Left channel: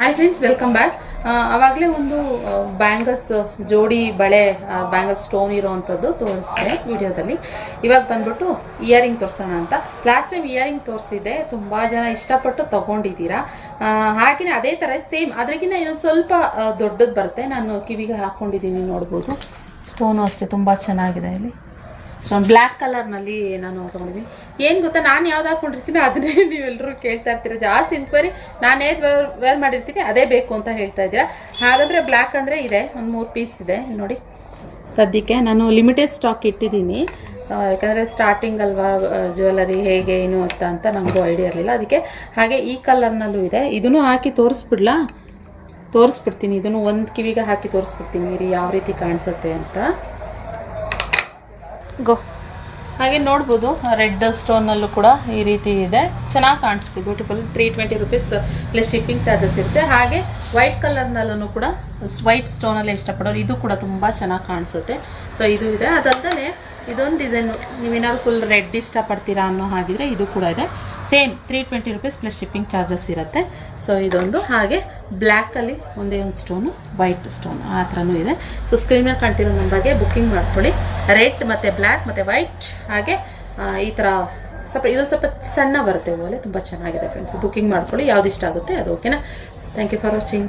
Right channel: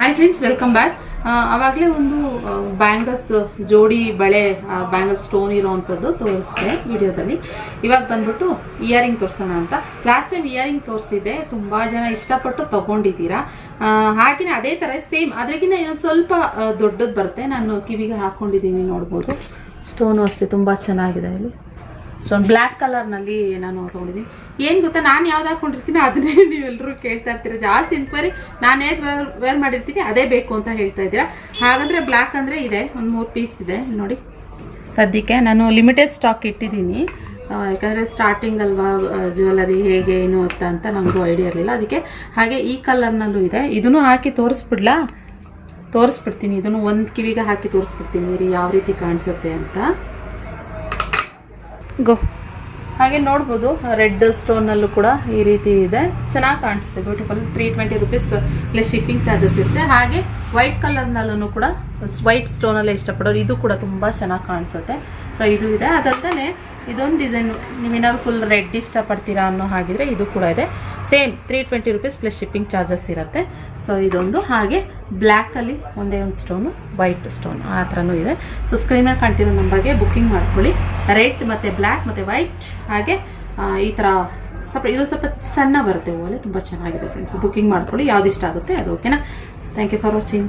Hi friends, welcome back. ಆವಾಗಲೇ ಒಂದು bangles ಜೋಡಿ ಬಳೆ ಬ್ಯಾಂಗಲ್ಸ್ ಸ್ಟೋನ್ ಇರೋವಂಥದ್ದು ತೋರಿಸಿದೆ ವಿಡಿಯೋದಲ್ಲಿ. ಇವಾಗ ಬಂದ್ಬಿಟ್ಟು ಇಯರಿಂಗ್ ತೋರಿಸೋಣ ಅಂತ. ಲಾಸ್ಟ್ ಟೈಮ್ ಇಯರಿಂಗ್ ತೋರಿಸಿದ್ದೆ, ತುಂಬ ಜನ ಇಷ್ಟಪಟ್ಟು ತೊಗೊಂಡಿದ್ದೀರಾ. ಹಾಗೆಯೇ ಅದೇ ಥರ ಸೇಮ್ ಅದ್ರಾಗಿನ ಇನ್ನೊಂದು ಸ್ವಲ್ಪ ದೊಡ್ಡದು ಬರುತ್ತೆ. ನಾನು ಕಿವಿಗೆ ಹಾಕ್ಕೊಂಡಿದ್ದೀನಿ, ನೋಡ್ಬೋದು. ಸ್ಟೋನು ಅಷ್ಟೇ ತುಂಬ ಚೆನ್ನಾಗಿದೆ. ಇಲ್ಲಿ ಸ್ಟೋನ್ ಬ್ಲ್ಯಾಕ್ ಕಲರ್ನಲ್ಲಿ ನಾನು ತೊಗೊಂಡಿದ್ದೀನಿ. ಏನು ಗೊತ್ತಾ, ನಾನು ಯಾವ್ದು ಹಾಕೊಂಡಿರ್ತೀನಿ ಅದನ್ನೇ ನೀವೆಲ್ಲರೂ ಕೇಳ್ತಾ ಇರ್ತೀರ. ಜಾಸ್ತಿ ಇನ್ಕ್ವೈರಿ ನಾನೇ ವೇರ್ ಮಾಡಿರ್ತೀನಿ ಅದೇ ಬೇಕು ಅಂತ ಹೇಳ್ತಾ ಇದ್ದೀರಾ. ಹಾಗಾದರೆ ಬ್ಲ್ಯಾಕ್ ಅಂದರೆ ಇದೆ, ಒಂದು 3 ಪೀಸ್ ಇದೆ ನೋಡಿ. ಸದ್ಯಕ್ಕೆ ನಾನು ಲಿಮಿಟೆಡ್ ಸ್ಟಾಕ್ ಇಟ್ಟಿದ್ದೀನಿ, ಯಾಕಂದರೆ ಸ್ಟಾರ್ಟಿಂಗ್ ಅಲ್ವಾ ಜ್ಯುವೆಲರಿ ಹೇಗೆ ಏನು ಅಂತ ನಮಗೂ ಐಡಿಯಾ ಇರಲಿಲ್ಲ. ಅದಕ್ಕೆ ಹಾಗೆ ಈ ಕಲರ್ನಲ್ಲೂ ಇದೆ. ಇದನ್ನು ಹಾಕಿ ತೋರಿಸ್ಬಿಡ್ತೀನಿ. ಇದನ್ನು ಒಂದು ಕಿವಿಗೆ ಹಾಕಿ ತೋರಿಸ್ಬಿಡ್ತೀನಿ ನೀರಿ ಯಾವ ರೀತಿ ಕಾಣಿಸುತ್ತೆ ಅಂತ. ಹಾಗೆ ನೋಡ್ಬೋದು, ರೆಡ್ ಸ್ಟೋನಲ್ಲೂ ಕೂಡ ಈ ರೀತಿ ಇದೆ, ಚೆನ್ನಾಗಿ ಕಾಣಿಸುತ್ತೆ, beautiful. 320 rupees plus shipping charges ಇರುತ್ತೆ. ಹಾಗೆ ವೈಟ್ ಕಲರ್ನಲ್ಲೂ ಕೂಡ ವೈಟ್ ಸ್ಟೋನಲ್ಲೇ ಇಷ್ಟಪಡೋರು ಇದು ಕೂಡ ತುಂಬ ಚೆನ್ನಾಗಿ ಕಾಣಿಸುತ್ತೆ. ಸೊ ಇದು ಇದೆ. ಅದಲ್ಲದೆ ಇದೊಂದು ಡಿಸೈನು, ನೀವೇನಾದ್ರು ಫುಲ್ ರೆಡ್ ಇಷ್ಟಪಡ್ತೀರಾ ಅನ್ನೋ ಹಾಗಿದ್ರೆ ಇದು ಕೂಡ ಇದೆ. Same 320 rupees plus shipping charges ಇರುತ್ತೆ. ಸೊ ಇದೊಂದು. ಹಾಗೆ ಬ್ಲ್ಯಾಕಲ್ಲಿ ಒಂದೇ ಒಂದು ಸ್ಟೋನು, ವೈಟ್ ಸ್ಟೋನ್ ಆ ಥರನೂ ಇದೆ. ಸೊ ಸ್ಕ್ರೀನಲ್ಲಿ ಕಾಣ್ತಿರೋ ನಂಬರ್ಗೆ ಬುಕ್ಕಿಂಗ್ ಮಾಡ್ಕೊಳ್ಳಿ. ರೆಡ್ ಮತ್ತು ಬ್ಲ್ಯಾಕ್ ಮತ್ತು ವೈಟ್, ಹಾಗೆ ಈ ಥರ ಇದು ಸ್ವಲ್ಪ ಸಣ್ಣ ಬರುತ್ತೆ ಹೂವಲ್ಲಿ, ತುಂಬ ಚೆನ್ನಾಗಿದೆ ಫ್ರೆಂಡ್ಸ್. ಬುಕ್ಕಿಂಗ್ ಮಾಡ್ಕೊಳ್ಳಿ, ಯಾವ್ದು ಇಷ್ಟ ಆಗುತ್ತೆ ಅದು. ಓಕೆನಾ? Thank you for watching.